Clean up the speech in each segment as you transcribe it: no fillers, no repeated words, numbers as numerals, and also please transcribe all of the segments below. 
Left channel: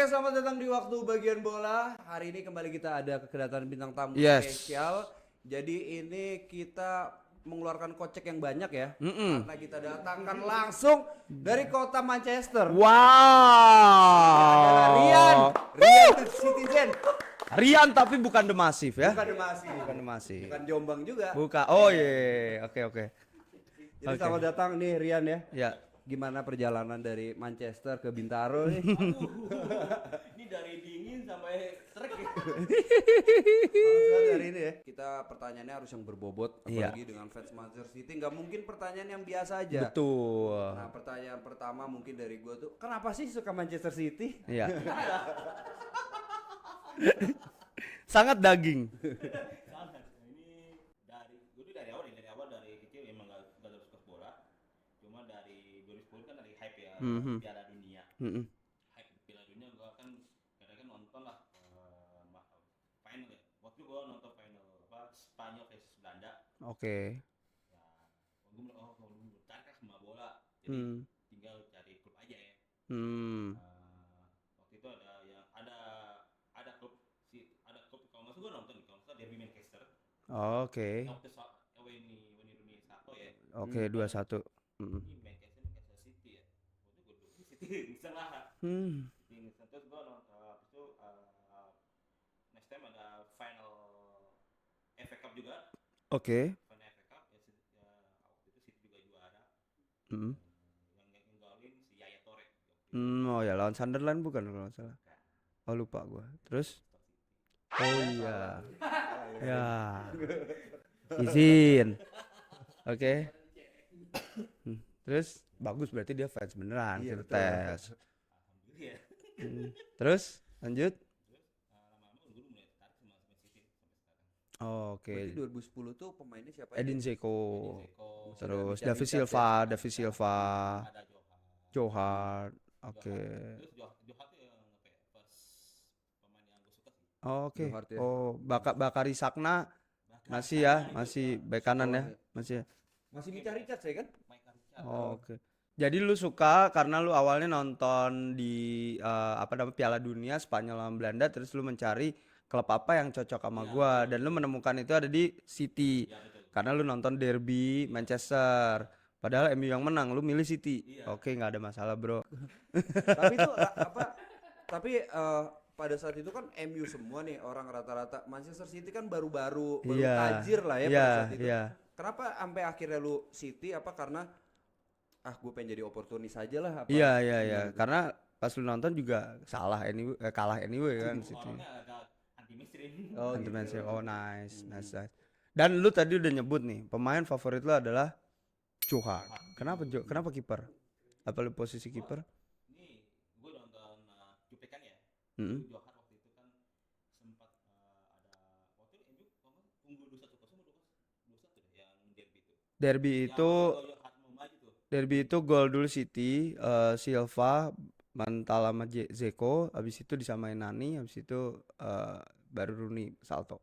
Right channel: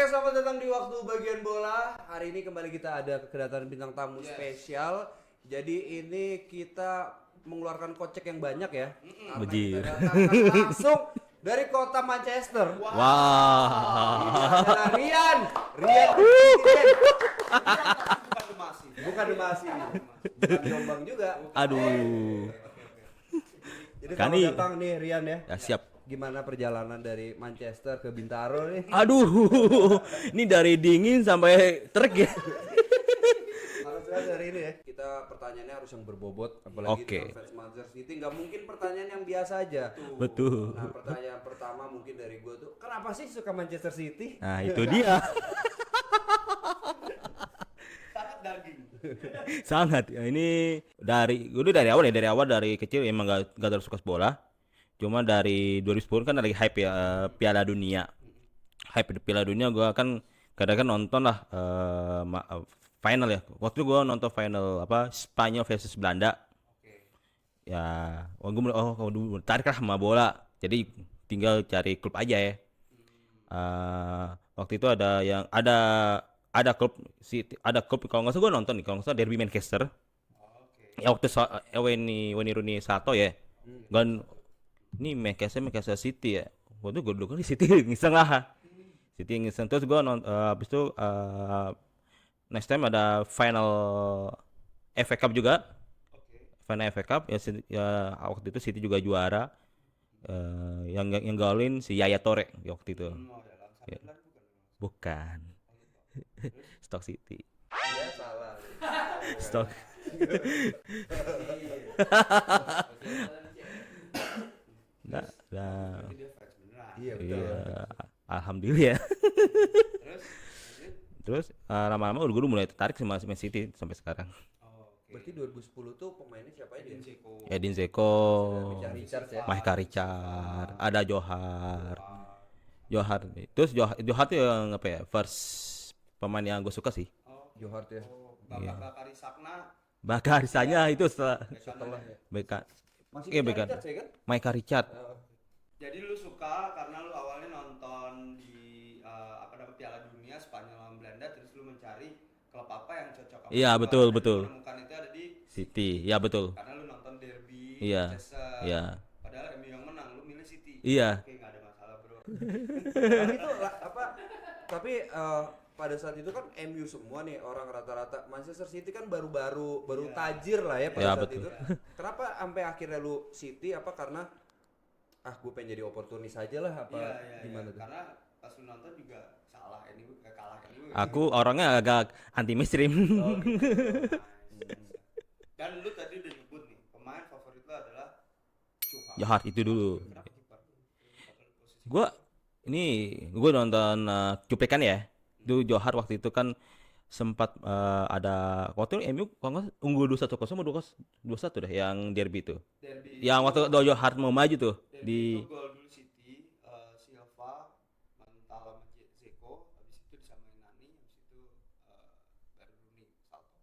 Oke, selamat datang di Waktu Bagian Bola. Hari ini kembali kita ada kedatangan bintang tamu spesial. Jadi ini kita mengeluarkan kocek yang banyak ya. Karena kita datangkan langsung dari kota Manchester. Wow. Adalah Rian Citizen. Rian tapi bukan The Massive ya. Bukan Demasi. Bukan The Massive. Bukan Jombang juga. Bukan. Oh iya. Oke. Jadi selamat datang nih Rian ya. Ya, siap. Gimana perjalanan dari Manchester ke Bintaro nih? Aduh, ini dari dingin sampai terik ya. Langsung hari ini ya. Kita pertanyaannya harus yang berbobot, apalagi Oke. dengan fans Manchester City. Nggak mungkin pertanyaan yang biasa aja. Betul. Nah, pertanyaan pertama mungkin dari gua tuh, kenapa sih suka Manchester City? Nah, itu dia. Sangat daging. Sangat. Ini gue dari awal dari kecil emang gak terlalu suka bola. Cuma dari 2010 kan lagi hype ya Piala Dunia. Hype di Piala Dunia gue kan kadang-kadang nonton lah final ya. Waktu itu gue nonton final Spanyol versus Belanda. Oke. Ya, gue tarik lah sama bola. Jadi tinggal cari klub aja ya. Waktu itu ada klub kalau nggak salah gue nonton nih, kalau nggak salah Derby Manchester. Oke. Ya waktu Wayne Rooney Sato ya. Oke, Dan 2-1. ini Manchester City ya. Waktu gue dulu kan di City ngiseng lah. City ngiseng terus gue habis itu next time ada final FA Cup juga. Oke. Final FA Cup ya waktu itu City juga juara. Yang golin si Yaya Toure waktu itu. Oh ya, lawan Sunderland bukan kalau nggak salah. Bukan. Oh lupa gue. Terus? Stoke City. Oh iya. Stoke. Izin. Oke. Terus Nah. bagus berarti dia fans beneran. Iya, full betul. fans. Alhamdulillah ya. Terus lanjut. Terus lama-lama gue mulai tertarik sama Man City sampai sekarang. Oh, oke. Berarti 2010 tuh pemainnya siapa aja? Edin Zeko. Edin Zeko, David Richards Silva, ya. Maka David Silva, ada Johar. Johar. Terus Johar tuh yang first pemain yang gue suka sih. Oh, oke. Johar ya. Oh, Bakari Sakna Bakar masih saja ya, itu masih bek kanan ya. Beka. Masih Iya, Mika bekan. Richards ya kan? Micah Richard. Oh, oke. Jadi lu suka karena lu awalnya nonton di Piala Dunia Spanyol lawan Belanda, terus lu mencari klub apa yang cocok sama Iya, gua, betul, dan betul. lu menemukan itu ada di City. Ya betul. Karena lu nonton derby Iya, Manchester. iya. Padahal MU yang menang, lu milih City. Iya. Oke, nggak ada masalah, Bro. Tapi itu tapi pada saat itu kan MU semua nih orang rata-rata. Manchester City kan baru Iya. tajir lah ya Iya, pada saat itu. iya. Kenapa sampai akhirnya lu City karena gue pengen jadi oportunis aja lah apa? Iya. gimana tuh? Karena pas lu nonton juga kalah anyway kan. Aku orangnya agak anti mainstream. Oh, nice. Dan lu tadi udah nyebut nih, pemain favorit lu adalah Johar itu dulu. Kenapa kiper? Apa lu posisi Gua- kiper? Ini gue nonton cuplikan ya. Itu Johar waktu itu kan sempat ada waktu itu MU kalau nggak salah unggul 2-1 atau 2-1 deh yang derby itu. Derby Yang waktu itu Johar mau maju tuh. derby itu gol dulu City, Silva mantal sama Zeko, habis itu disamain Nani, habis itu baru Rooney salto.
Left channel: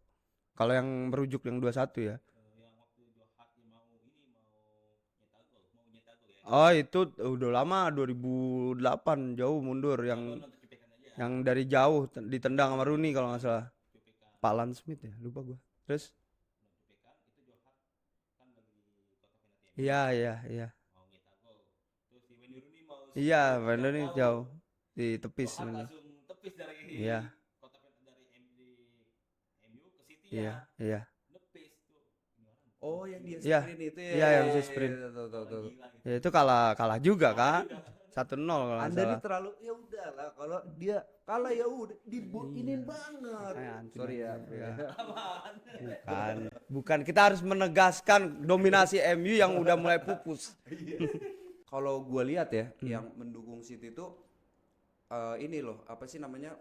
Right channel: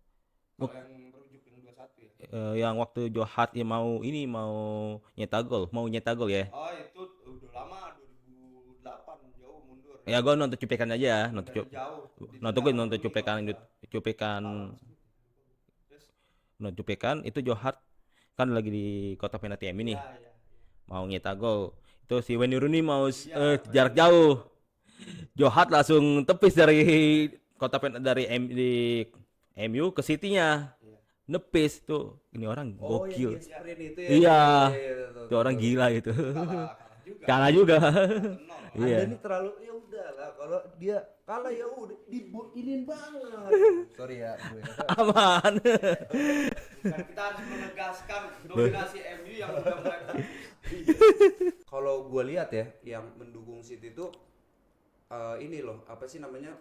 Kalau yang merujuk yang 2-1 ya. Yang waktu Johar mau nyetak gol ya. Oh, itu udah lama 2008 jauh mundur Ya gue nonton cuplikan aja. yang dari jauh ditendang sama Rooney kalau nggak salah. cuplikan. Palan Smith ya, lupa gua. Terus Nonton cuplikan itu Johar kan lagi di kotak penalti MU nih. iya. Mau nyetak gol. Itu si Wayne Rooney mau Iya, jarak Rooney jauh. Di tepis. Johar langsung tepis dari kotak penalti dari MU ke City-nya. Iya. Nepis tuh. Ini orang Oh, gokil. yang di Iya. screen itu ya. Iya. Tuh, Itu orang gila itu. Itu kalah juga. Kalah kan? juga. 1-0 kalau Anda nggak nih terlalu ya udahlah kalau dia kalah ya udah dibuinin banget. Sorry ya. Aman. salah. Bukan, kita harus menegaskan dominasi MU yang udah mulai pupus. Kalau gua lihat ya yang mendukung City tuh ini loh, apa sih namanya?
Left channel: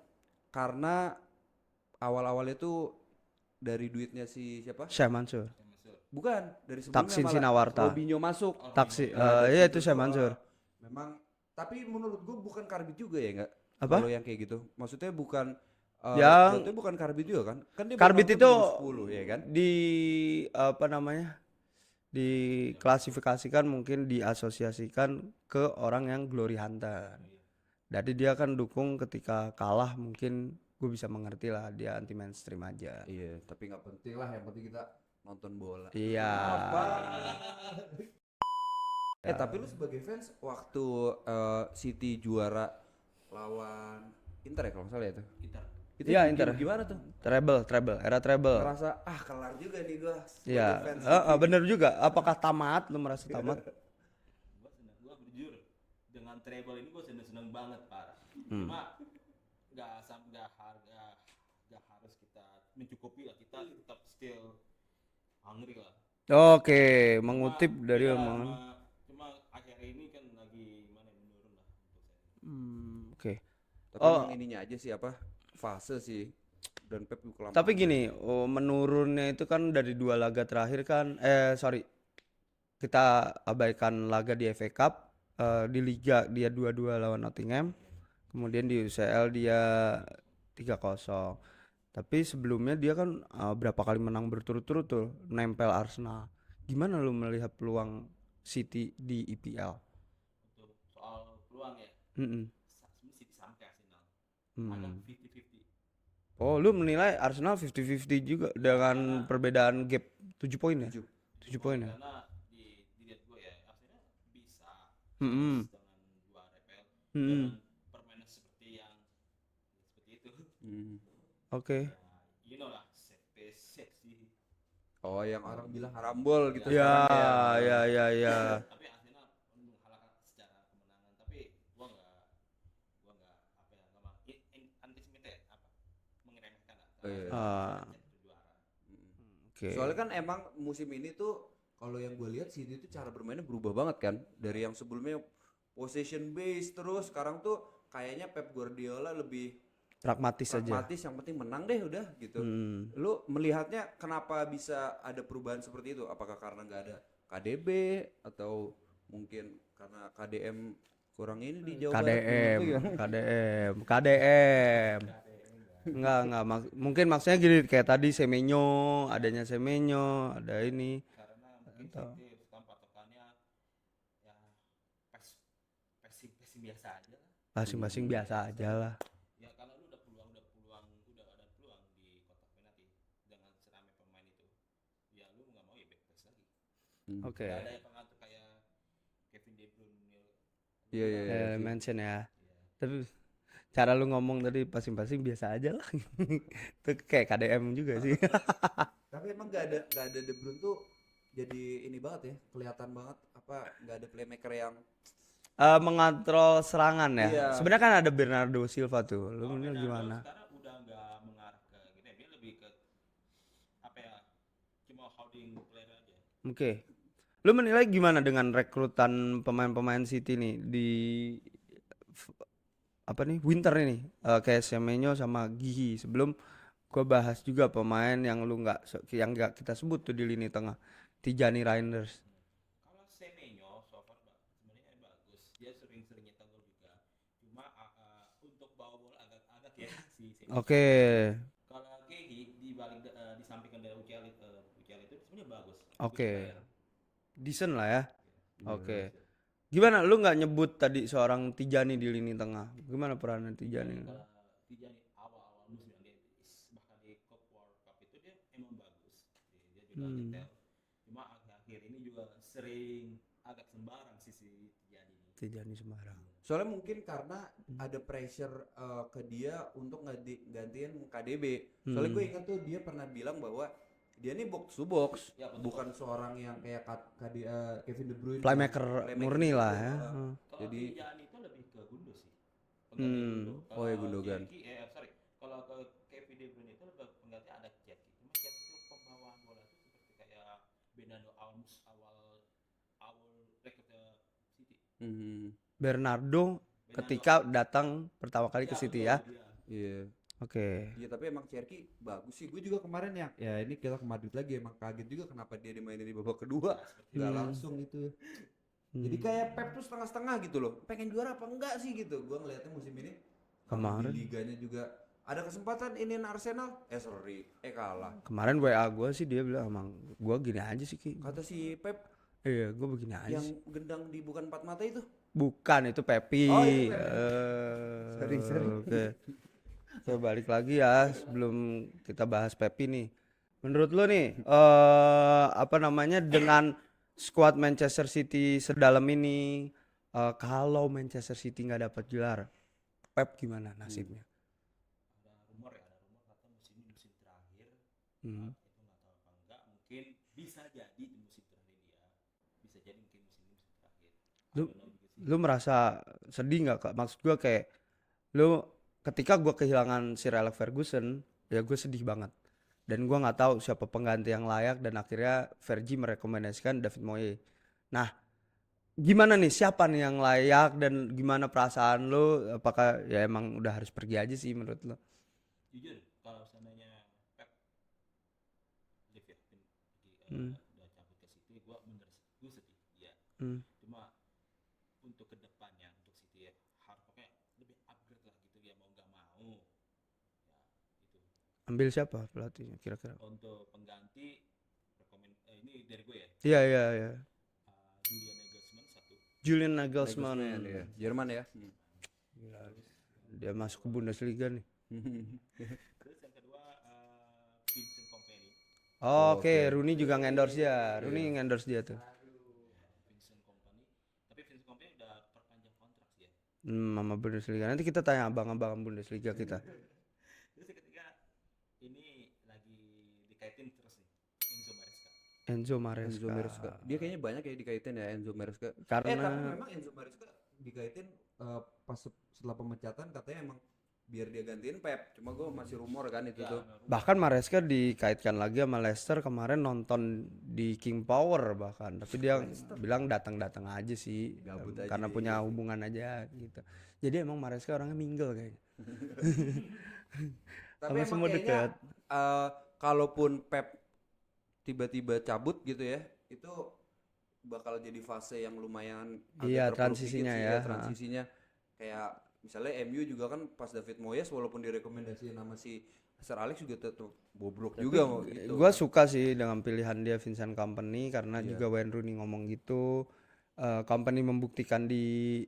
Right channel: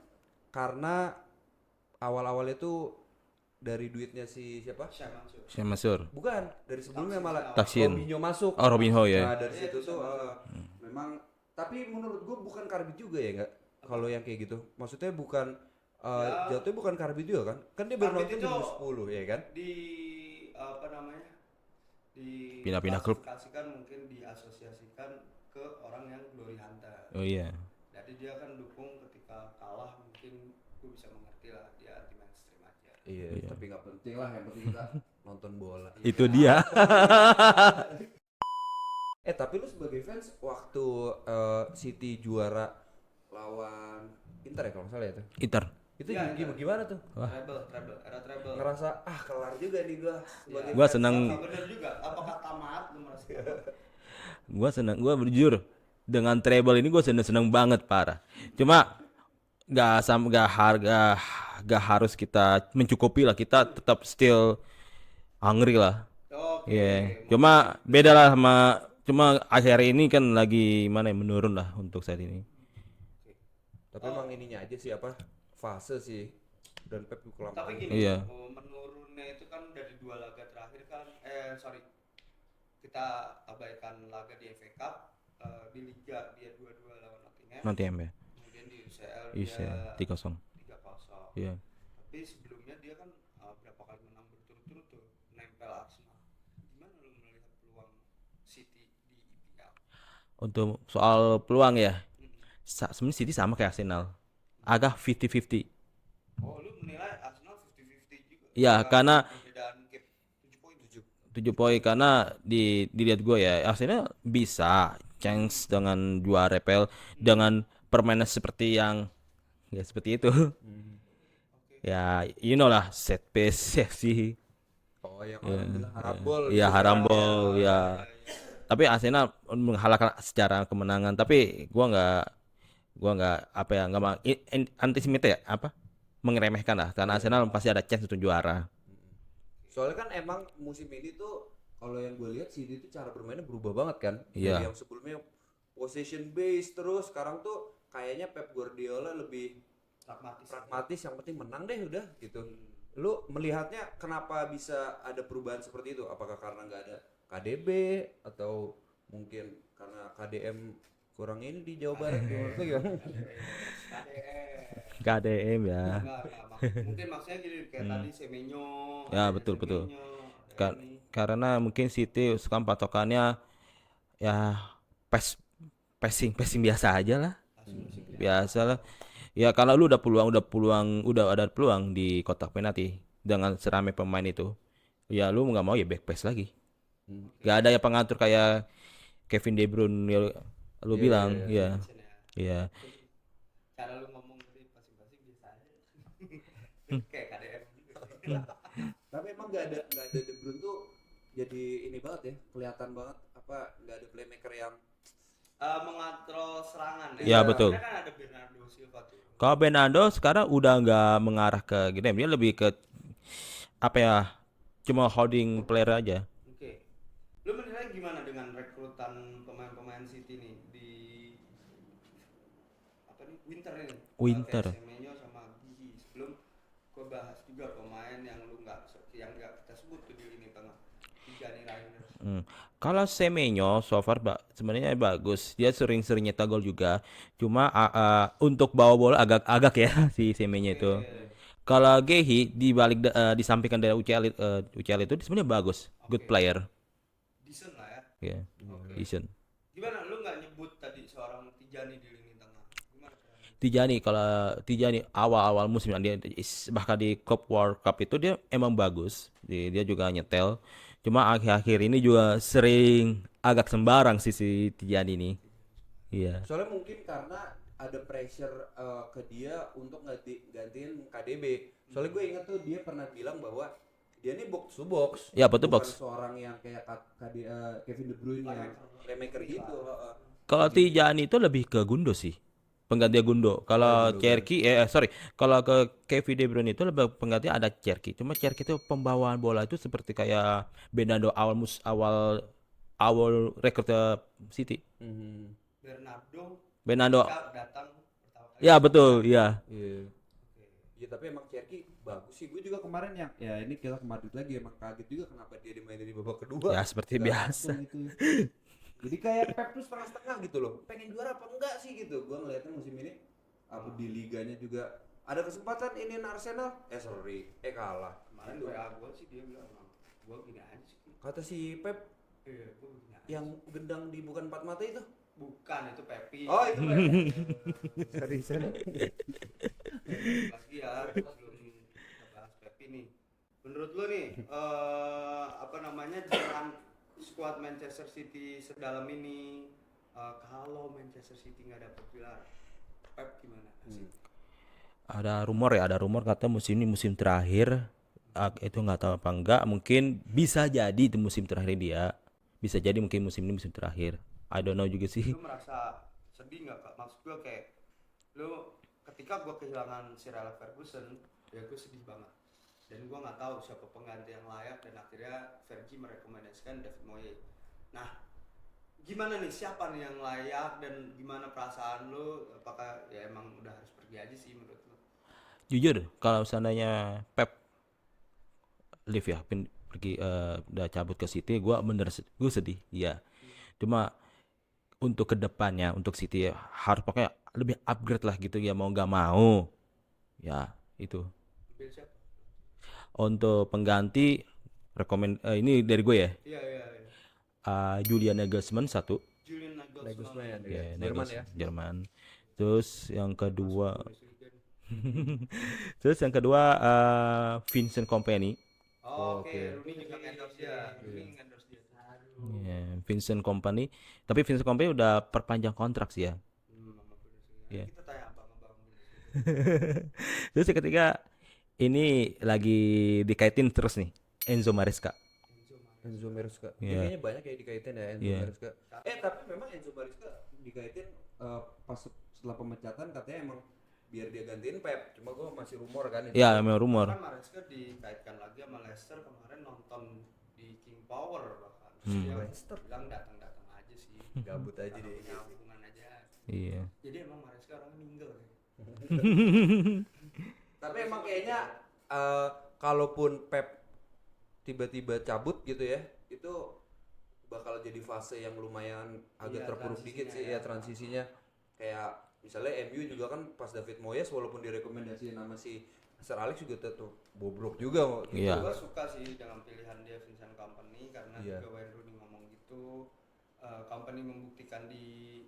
Karena awal-awalnya tuh dari duitnya si siapa? Syekh Mansur. Saya Masur. Bukan, dari sebelumnya Taksin malah Sinawarta. Robinho masuk. Oh, Robinho Taksin. ya. dari Iya, situ itu Syekh tuh, Mansur. memang tapi menurut gua bukan Karbit juga ya enggak? Apa? Kalau yang kayak gitu. Maksudnya bukan Ya. jatuhnya bukan Karbit juga kan? Kan dia Karbit baru itu nonton 2010 ya kan? Di apa namanya? Pindah-pindah klub. Diklasifikasikan mungkin diasosiasikan ke orang yang glory hunter. Oh iya. Jadi dia kan dukung ketika kalah, mungkin gue bisa mengerti lah, dia anti mainstream aja. Iya, tapi nggak penting lah, yang penting kita nonton bola. Itu Iya. dia. Tapi lu sebagai fans waktu City juara lawan Inter ya kalau nggak salah ya tuh. Inter. Itu Iya, Inter. gimana tuh? Treble, era treble. Ngerasa kelar juga nih gua. Iya. Gua senang. Bener juga. Apakah tamat? Lu merasa tamat? Gua senang, gua jujur dengan treble ini gua seneng banget parah. Cuma gak harus kita mencukupi lah, kita tetap still hungry lah. Oke, Iya. Cuma mengutip dari- beda lah cuma akhir ini kan lagi mana ya, menurun lah untuk saat ini. Oke. Tapi emang ininya aja sih apa? Fase sih. Dan Pep kelamaan. Tapi gini, Iya. menurunnya itu kan dari 2 laga terakhir kan, sorry, kita abaikan laga di FA Cup, di Liga dia 2-2 lawan Nottingham, Nottingham ya. kemudian di UCL dia 3-0. 3-0. Iya. Tapi sebelumnya dia kan berapa kali menang berturut-turut tuh, nempel Arsenal. Gimana lu melihat peluang City di EPL? Untuk soal peluang ya, Mm-mm. sebenarnya City sama kayak Arsenal. Agak 50-50. Oh, lu menilai Arsenal 50-50 juga? Ya, dengan karena perbedaan gap 7 poin ya? 7 poin karena dilihat gue ya Arsenal bisa chance dengan juara EPL dengan permainan seperti yang ya seperti itu. Oke. Ya you know lah, set piece sih. Oh, yang orang bilang harambol. Iya, gitu. harambol ya. Ya. Tapi Arsenal menghalalkan secara kemenangan, tapi gua nggak apa ya, nggak anticipate ya apa mengeremehkan lah karena Arsenal pasti ada chance untuk juara. Oke. Soalnya kan emang musim ini tuh kalau yang gue lihat City itu cara bermainnya berubah banget kan. Iya. Dari yang sebelumnya possession base terus sekarang tuh kayaknya Pep Guardiola lebih Pragmatis aja. pragmatis, yang penting menang deh udah gitu. Hmm. Lu melihatnya kenapa bisa ada perubahan seperti itu? Apakah karena nggak ada KDB atau mungkin karena KDM kurang ini di Jawa Barat? KDM, Itu gimana? KDM. KDM ya. Enggak, mungkin maksudnya gini kayak tadi Semenyo, Ya, adanya betul. Semenyo, ada ini. Karena mungkin City sekarang patokannya ya passing biasa aja lah. Masing-masing Biasa aja lah. Ya kalau lu udah ada peluang di kotak penalti dengan seramai pemain itu, ya lu nggak mau ya back pass lagi. Oke. Gak ada yang pengatur kayak Kevin De Bruyne ya, lu bilang, ya. Mention ya. Iya. Tapi cara lu ngomong tadi pasing-pasing biasa aja lah. Itu kayak KDM juga sih. Tapi emang nggak ada De Bruyne tuh jadi ini banget ya, kelihatan banget apa nggak ada playmaker yang Mengontrol serangan ya. Iya, betul. Sebenarnya kan ada Bernardo Silva tuh. Kalau Bernardo sekarang udah nggak mengarah ke game, dia lebih ke apa ya? Cuma holding player aja. Oke. Lu menilai gimana dengan rekrutan pemain-pemain City nih di apa nih? Winter ini. Kayak Semenyo sama Gihi. Sebelum gua bahas juga pemain yang yang nggak kita sebut tuh di lini tengah. Tijani Reinders. Kalau Semenyo so far sebenarnya bagus. Dia sering-sering nyetak gol juga. Cuma untuk bawa bola agak ya si Semenyo itu. Kalau Gehi disampingkan dari UCL itu sebenarnya bagus. Good player. Decent lah ya. Yeah. Oke. Decent. Gimana lu nggak nyebut tadi seorang Tijani di lini tengah? Gimana perannya? Tijani awal-awal musim bahkan di Club World Cup itu dia emang bagus. Dia juga nyetel. Cuma akhir-akhir ini juga sering agak sembarang si Tijani ini. Tijani sembarang. Iya. soalnya mungkin karena ada pressure ke dia untuk gantiin KDB. Soalnya gue ingat tuh dia pernah bilang bahwa dia ini box to box. Ya, betul, bukan box. seorang yang kayak Kevin De Bruyne Playmaker murni gitu. lah ya. Kalau Tijani itu lebih ke Gundo sih. Pengganti Gundo. Kalau Gundo Cherki kalau ke Kevin De Bruyne itu lebih pengganti ada Cherki. Cuma Cherki itu pembawaan bola itu seperti kayak Bernardo awal rekrut City. Bernardo Bernardo. ketika datang pertama kali Ya ke City betul, ya. iya. Iya. Oke. Iya, tapi emang Cherki bagus sih. Gue juga kemarin yang ya ini kita ke Madrid lagi emang kaget juga kenapa dia dimainin di babak kedua. Ya seperti Nggak biasa. langsung gitu ya. Jadi kayak Pep tuh setengah-setengah gitu loh. Pengen juara apa enggak sih gitu. Gue ngeliatnya musim ini kalau di Kemarin. liganya juga ada kesempatan iniin Arsenal. Kalah. Kemarin WA gue sih dia bilang emang gue gini aja sih Ki. Kata si Pep, Iya, gue begini aja. Yang gendang di bukan empat mata itu? Bukan, itu Pepi. Oh, itu Sorry. Oke. So, balik lagi ya sebelum kita bahas Pepi nih. Menurut lo nih, apa namanya, dengan skuad Manchester City sedalam ini, kalau Manchester City nggak dapat gelar, Pep gimana nasibnya? Ada rumor kata musim ini musim terakhir. Itu nggak tahu apa enggak, mungkin bisa jadi itu musim terakhir dia. Bisa jadi mungkin musim ini musim terakhir. I don't know juga sih. Lu merasa sedih nggak, Kak? Maksud gua kayak lu ketika gua kehilangan Sir Alex Ferguson, ya gue sedih banget. Dan gua nggak tahu siapa pengganti yang layak, dan akhirnya Fergie merekomendasikan David Moyes. Nah, gimana nih, siapa nih yang layak dan gimana perasaan lu? Apakah ya emang udah harus pergi aja sih menurut lu? Jujur, kalau seandainya Pep leave ya, pergi udah cabut ke City, gue sedih, iya. Cuma untuk kedepannya, untuk City harus pakai lebih upgrade lah gitu ya, mau nggak mau, ya itu. Ambil siapa pelatihnya kira-kira? Untuk pengganti, ini dari gue ya, Iya. Julian Nagelsmann satu. Julian Nagelsmann. ya. Jerman ya. Jerman. Terus yang Udah masuk kedua, Bundesliga nih. terus yang kedua Vincent Kompany. Oke, Rooney juga ngendorse dia. Rooney ngendorse dia tuh. Vincent Kompany. Tapi Vincent Kompany udah perpanjang kontrak sih ya. Sama Bundesliga. Nanti kita tanya abang-abang Bundesliga kita. Terus yang ketiga, ini lagi dikaitin terus nih, Enzo Maresca. Enzo Maresca. Dia kayaknya banyak ya dikaitin ya Enzo Maresca. Karena Tapi memang Enzo Maresca dikaitin pas setelah pemecatan katanya emang biar dia gantiin Pep. Cuma gue masih rumor kan itu. Ya, memang rumor. bahkan Maresca dikaitkan lagi sama Leicester kemarin, nonton di King Power bahkan. Tapi dia bilang datang-datang aja sih, Gabut aja karena dia. punya hubungan aja gitu. Iya. Jadi emang Maresca orangnya mingle kayaknya. Tapi Sama emang semua kayaknya dekat. kalaupun Pep tiba-tiba cabut gitu ya, itu bakal jadi fase yang lumayan Iya, agak terpuruk dikit transisinya sih ya. ya transisinya. Kayak misalnya MU juga kan pas David Moyes walaupun direkomendasiin nama si Sir Alex juga tetap bobrok juga mau gitu. Iya. Gua suka sih dengan pilihan dia Vincent Kompany karena Iya. juga Wayne Rooney ngomong gitu. Kompany membuktikan di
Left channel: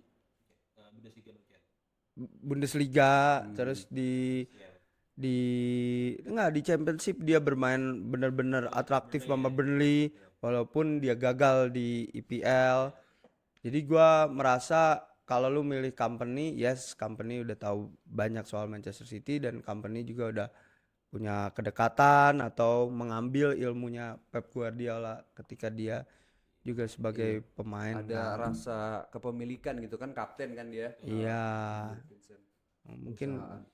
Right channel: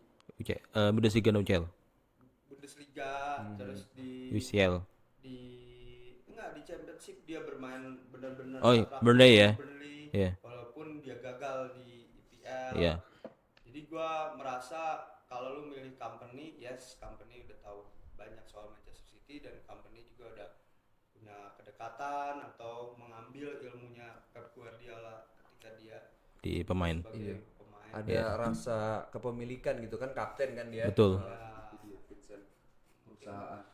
Bundesliga dan UCL. Bundesliga, terus UCL. di Championship dia bermain benar-benar Oh, atraktif Burnley sama ya? Burnley, Iya. walaupun dia gagal di EPL. Iya. Jadi gua merasa kalau lu milih Kompany, yes, Kompany udah tahu banyak soal Manchester City dan Kompany juga udah punya kedekatan atau mengambil ilmunya Pep Guardiola ketika dia Di juga pemain. sebagai pemain. Ada rasa kepemilikan gitu kan, kapten kan dia. Betul. Iya. Vincent.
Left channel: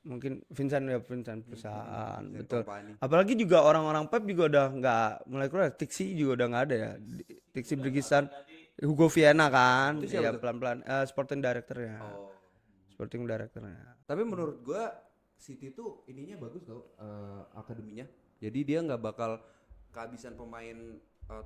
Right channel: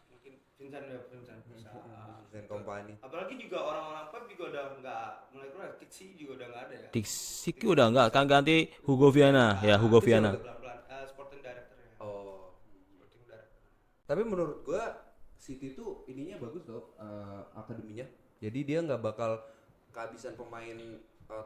Mungkin Vincent perusahaan. Vincent Betul. Kompany. Apalagi juga orang-orang Pep juga udah nggak mulai keluar. Tixi juga udah nggak ada ya. Tixi Tixi udah enggak, bisa. kan ganti Hugo Viana kan. Ya, Hugo Itu Viana. siapa pelan-pelan. Sporting directornya. Oh. Sporting directornya. Tapi menurut gua City tuh ininya bagus tau, akademinya. Jadi dia nggak bakal kehabisan pemain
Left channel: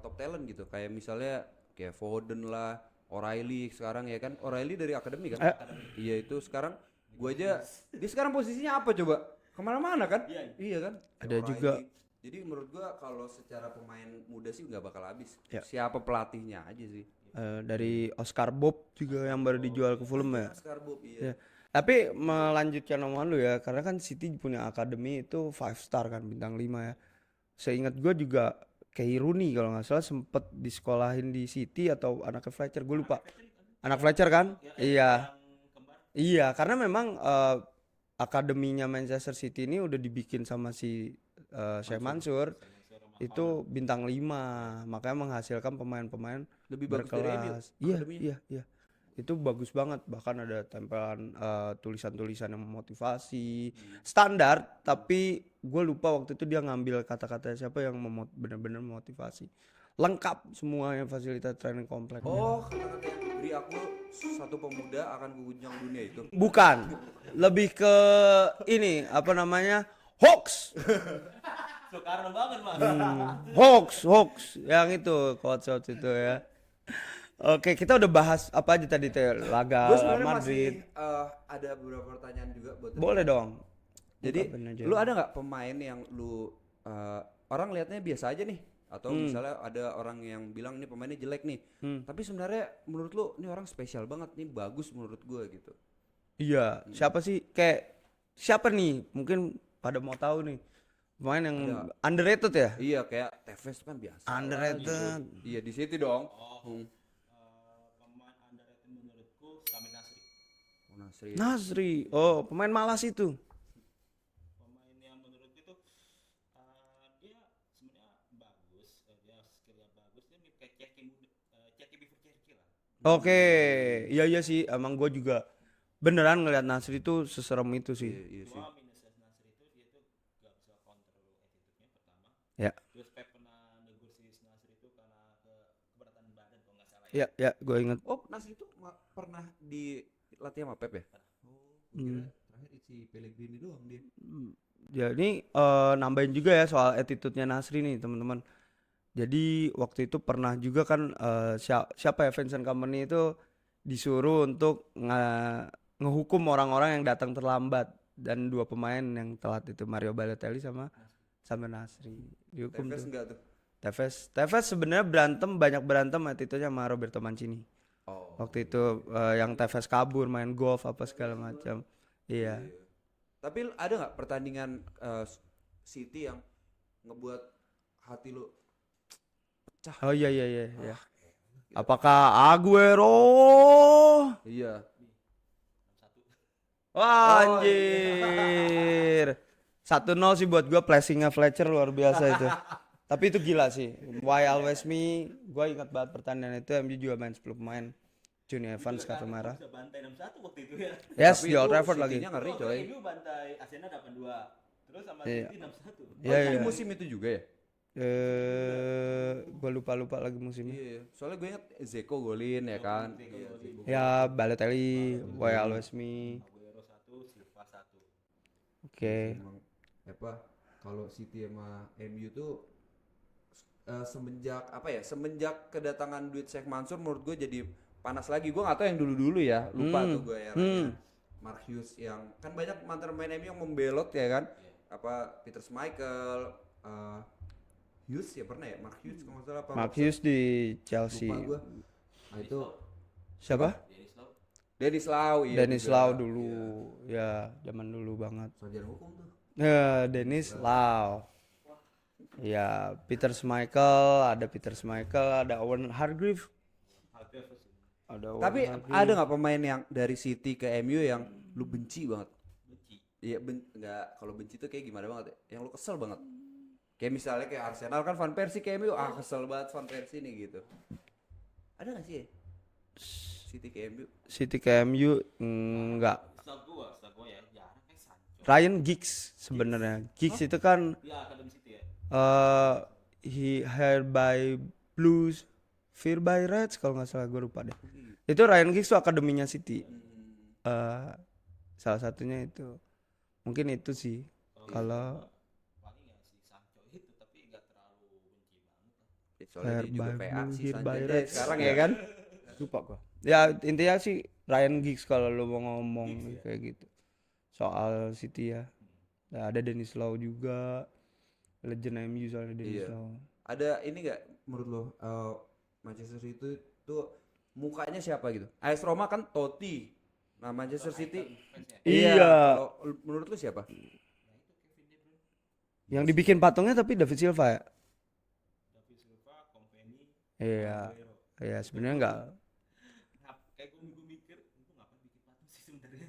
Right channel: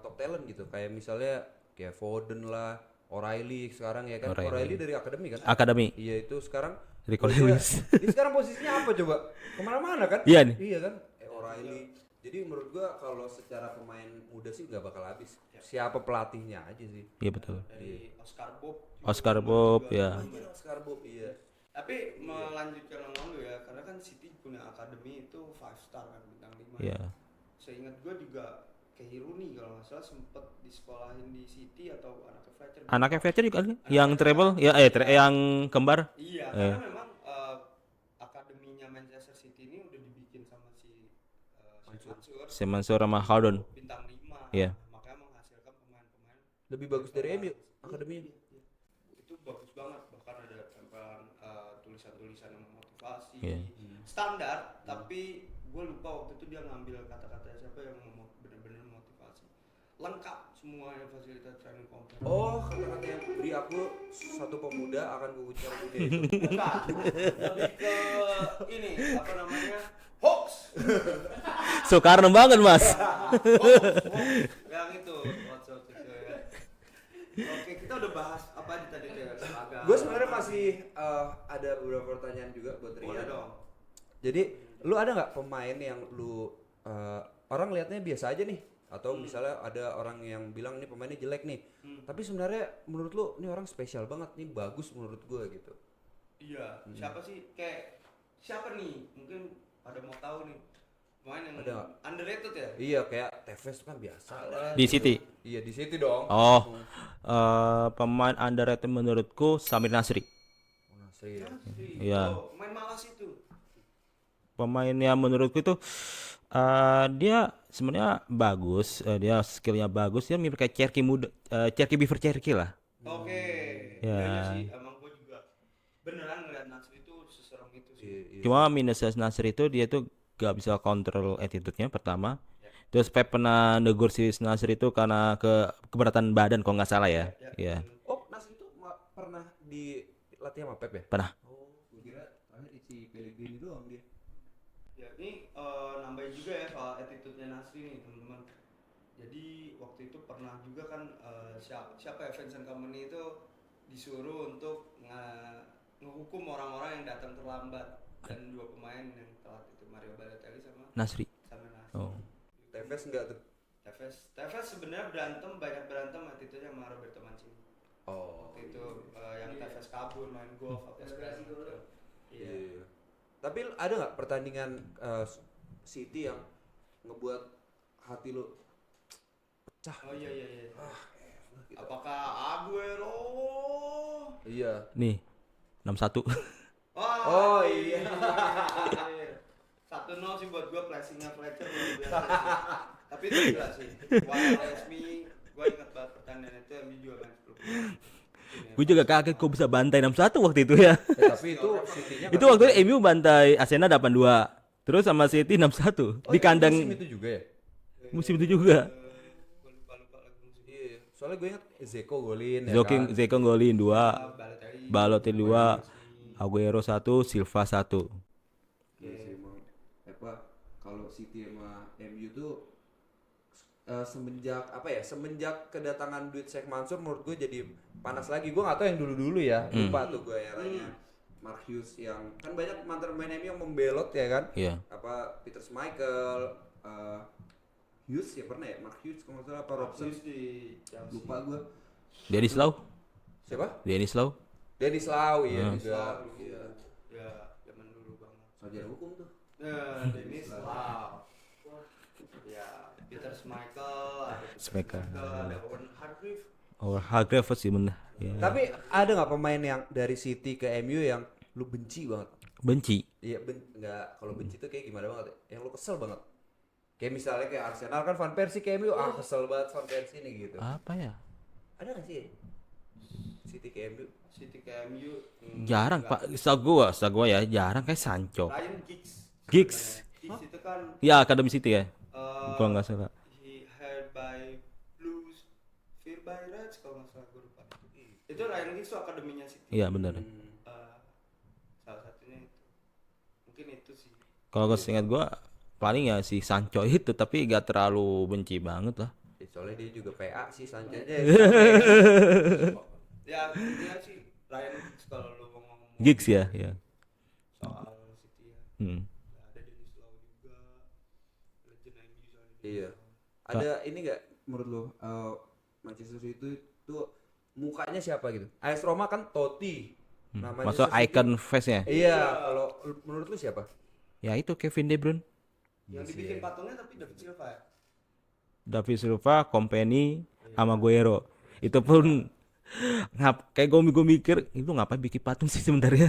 top talent gitu. Kayak misalnya kayak Foden lah, O'Reilly sekarang ya kan. O'Reilly dari akademi kan? Akademi. Iya itu sekarang. Rico gua aja- Lewis. Dia sekarang posisinya apa coba? Kemana-mana kan? Iya nih. Iya kan? Ada O'Reilly. juga. Jadi menurut gua kalau secara pemain muda sih nggak bakal habis. Ya. Siapa pelatihnya aja sih. Iya betul. Dari Oscar Bob juga Oscar yang baru Bob, dijual ya. ke Fulham ya. Oscar Bob iya. Ya. Tapi melanjutkan omongan lu ya, karena kan City punya akademi itu 5 star kan, bintang 5 ya. Iya. Seingat gue juga kayak Rooney kalau nggak salah sempet disekolahin di City atau anaknya Fletcher. Gua Anaknya lupa. Fletcher juga kan? Anak Yang Fletcher treble, kan? ya Iya. yang kembar. Iya, karena memang akademinya Manchester City ini udah dibikin sama si Sheikh Mansur. Mansur sama Itu Haldon. bintang 5, Iya. makanya menghasilkan pemain-pemain Lebih bagus dari MU berkelas. Iya, akademinya. iya. Itu bagus banget, bahkan ada tempelan tulisan-tulisan yang memotivasi. Standar, tapi gue lupa waktu itu dia ngambil kata-kata siapa yang benar-benar memotivasi. Lengkap semuanya fasilitas training kompleks. Oh, kata-kata yang beri aku satu pemuda akan kuguncang dunia itu. Bukan, lebih ke ini apa namanya? Hoax. Soekarno banget, Mas. hoax yang itu quotes itu ya. Oke, kita udah bahas apa aja tadi teh, laga Gue sebenarnya Madrid. masih ada beberapa pertanyaan juga buat Boleh Rian. dong. Jadi Apa bener, lu ada nggak pemain yang lu orang liatnya biasa aja nih, Atau misalnya ada orang yang bilang nih pemainnya jelek nih, tapi sebenarnya menurut lu nih orang spesial banget nih, bagus menurut gua gitu. Iya, siapa sih kayak siapa nih? Mungkin pada mau tahu nih. Pemain yang underrated ya? Iya kayak Tevez kan biasa. Underrated. Di City. Iya di City dong. Oh, pemain underrated menurutku Samir Nasri. Nasri. Nasri. Iya. Oh, pemain malas itu. Pemainnya menurutku itu dia sebenarnya bagus, dia skillnya bagus, dia mirip kayak Cherky muda, Cherky Beaver Cherky lah. Oke. Ya. Iya sih, emang gue juga beneran ngeliat Nasri itu seserem itu sih. Cuma minusnya Nasri itu dia tuh gak bisa kontrol attitude-nya pertama. Ya. Terus Pep pernah negur si Nasri itu karena keberatan badan kalau nggak salah ya. Ya, Iya. gue inget. Oh Nasri itu pernah dilatih sama Pep ya? Pernah. Oh, gua kira terakhir si Pellegrini doang dia. Jadi nambahin juga ya soal attitude-nya Nasri nih teman-teman. Jadi waktu itu pernah juga kan siapa ya Vincent Kompany itu disuruh untuk ngehukum orang-orang yang datang terlambat, dan 2 pemain yang telat itu Mario Balotelli sama Nasri. Nasri. Dihukum Tevez tuh. enggak tuh? Tevez sebenarnya banyak berantem attitude-nya sama Roberto Mancini. Oh. Waktu itu yang Tevez kabur main golf apa segala macam. Iya. Tapi ada nggak pertandingan City yang ngebuat hati lu pecah? Oh iya. Apakah Aguero? Iya. Nih 6-1. Wah, Oh, iya. anjir. 1-0 sih buat gua, flashingnya Fletcher luar biasa itu. Tapi itu gila sih. Why always me? Gua ingat banget pertandingan itu, MU juga main 10 pemain. Gue juga kaget kok bisa bantai 6-1 waktu itu ya. Yes, Tapi di Old itu Trafford lagi. City-nya Itu waktu itu MU bantai Arsenal 8-2. Terus sama City 6-1. Di kandang musim itu juga ya? musim itu juga. Gua lupa lagi musimnya. Iya. Soalnya gue ingat Zeko golin ya kan. Zeko golin 2, Ya, Balotelli 2, Balotelli 2, Aguero 1, Silva 1. Oke. Emang apa kalau City sama MU tuh semenjak kedatangan Duit Sheikh Mansur menurut gue jadi panas lagi. Gue nggak tahu yang dulu ya, lupa tuh gue eranya. Mark Hughes yang kan banyak mantan pemain MU yang membelot ya kan. Iya. Apa Peter Schmeichel, Hughes ya pernah ya, Mark Hughes kalau nggak salah apa. Mark Hughes di Chelsea. Lupa gue. Dennis Lau. Siapa? Dennis Lau. Dennis Lau iya. Dennis juga. Lau dulu. Iya. Ya, zaman dulu banget. Sarjana hukum tuh. Dennis Lau. Ya, Peter Schmeichel, ada Owen Hargreaves. Oh, Hargreaves sih bener. Tapi ada nggak pemain yang dari City ke MU yang lu benci banget? Benci. Iya nggak, kalau benci tuh kayak gimana banget ya? Yang lu kesel banget? Kayak misalnya kayak Arsenal kan Van Persie ke MU, kesel banget Van Persie nih gitu. Apa ya? Ada nggak sih? City ke MU? City ke MU Jarang enggak. Pak. Setahu gua ya jarang kayak Sancho. Ryan Giggs sebenarnya. Giggs itu kan Ya Akademi City ya. Kalau nggak salah. he hired by Blues, fear by Reds kalau nggak salah, gue lupa deh. Itu Ryan Giggs tuh akademinya City. Iya benar. Salah satunya itu. Mungkin itu sih. Kalau gue ingat gua paling ya si Sancho itu, tapi gak terlalu benci banget lah. Soalnya dia juga PA sih By Sanchez Reds. ya kan. Lupa gua. Ya intinya sih Ryan Giggs kalau lu mau ngomong Giggs ya, kayak iya. gitu. Soal City ya. Hmm. Nah, ada Dennis Lau juga, legend MU soalnya Dennis Iya. Lau. Ada ini nggak menurut lo Manchester City itu mukanya siapa gitu? AS Roma kan Totti. Nah, Maksud Manchester City- icon face-nya. Iya. Iya. Kalau menurut lu siapa? Ya itu Kevin De Bruyne, Yang dibikin patungnya tapi David Silva ya. David Silva, Kompany, Iya. sama Aguero. Iya, Itu sebenarnya pun kayak gue mikir itu ngapain bikin patung sih sebenarnya.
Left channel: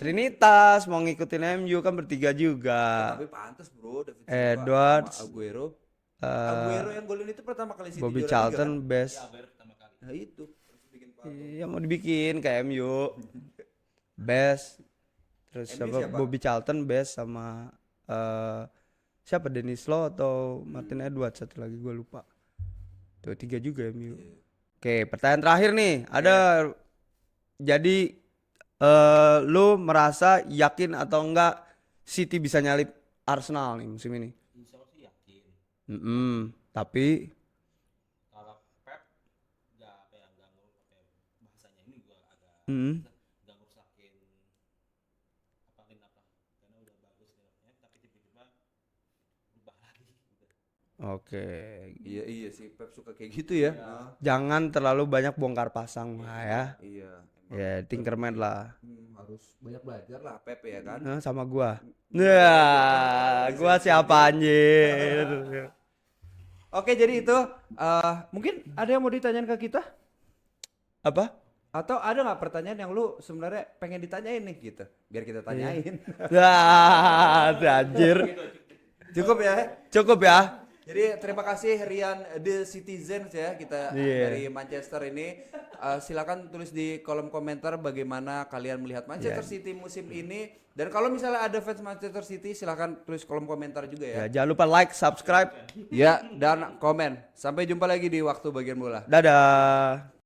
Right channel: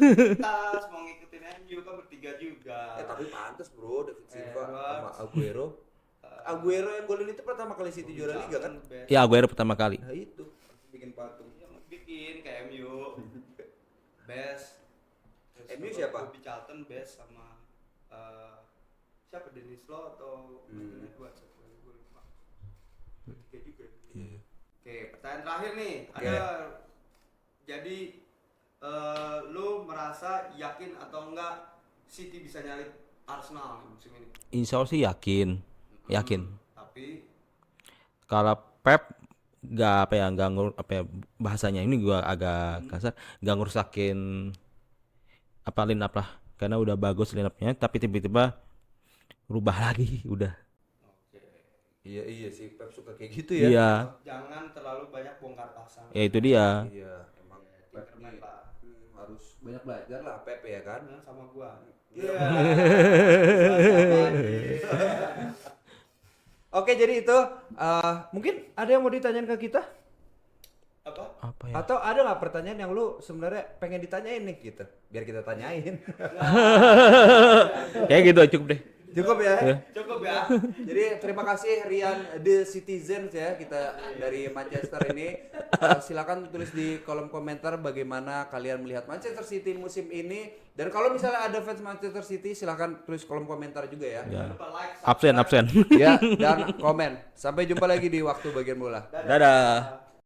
Trinitas mau ngikutin MU kan bertiga juga. Tapi pantas bro, David Silva Edwards. sama Aguero. Aguero yang golin itu pertama kali City Bobby juara liga kan? Charlton best. Ya Aguero pertama kali. Nah itu bikin patung. Iya mau dibikin kayak MU. Best. Terus MU siapa? siapa? Bobby Charlton best sama siapa, Dennis Law atau Martin Edwards, satu lagi gue lupa. Tuh 3 juga MU. Oke, pertanyaan terakhir nih. Ada jadi lu merasa yakin atau enggak City bisa nyalip Arsenal nih musim ini? Insya Allah sih yakin. Yakin. Tapi Kalau Pep nggak bahasanya ini gua agak kasar, nggak ngerusakin line up lah, karena udah bagus line upnya, tapi tiba-tiba rubah lagi udah. Oke. Iya sih Pep suka kayak gitu ya. Iya. Jangan terlalu banyak bongkar pasang. Ya itu Nah, dia. Iya. Emang Ya, Tinkerman lah. harus banyak belajar lah Pep ya kan. Sama gua. Gua siapa anjir? Oke, jadi itu mungkin ada yang mau ditanyain ke kita? Apa? Apa ya? Atau ada nggak pertanyaan yang lu sebenarnya pengen ditanyain nih gitu? Biar kita tanyain. Ya gitu cukup deh. Cukup ya. Cukup ya. Jadi terima kasih Rian The Citizens ya kita dari Manchester ini. Silakan tulis di kolom komentar bagaimana kalian melihat Manchester City musim ini. Dan kalau misalnya ada fans Manchester City silakan tulis kolom komentar juga ya. Jangan lupa like, subscribe. Absen. Ya dan komen. Sampai jumpa lagi di waktu bagian bola. Dadah.